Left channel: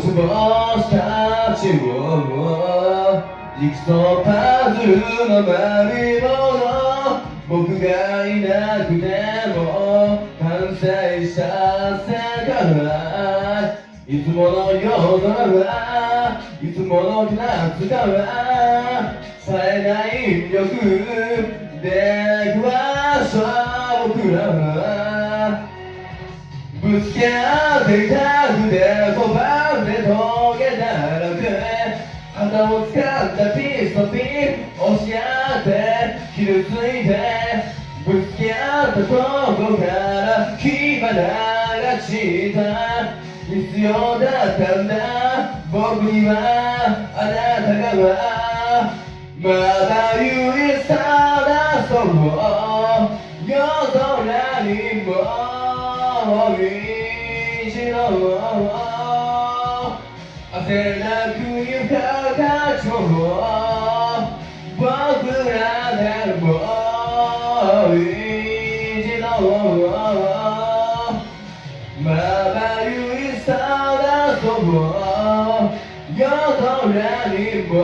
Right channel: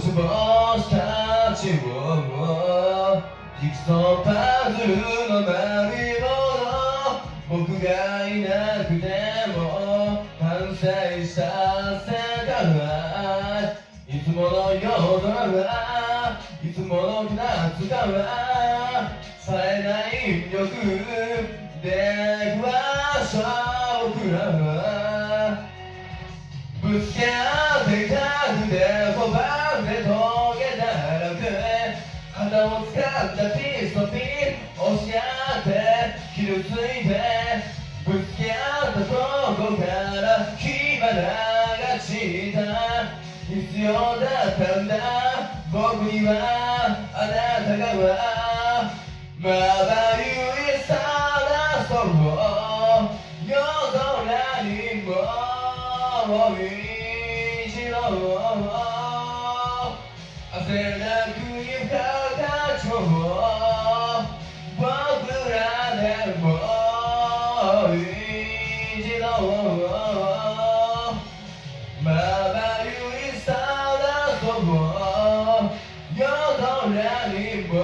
星たちをジグソーパズルの丸いもの、僕がいなくても完成した世界、いつもの夜空、いつもの夏から冴えない力で行く場所、僕らはぶつけ合っていた腕とバンでトゲだらけ、旗を掴んだピストピン押し合って傷ついて、ぶつけ合ったところから火花が散った、必要だったんだ僕にはあなたが、まだ唯一ラストを夜空にもう一度汗なく床がちょう僕らでもう一度まばゆいさだそう夜空にも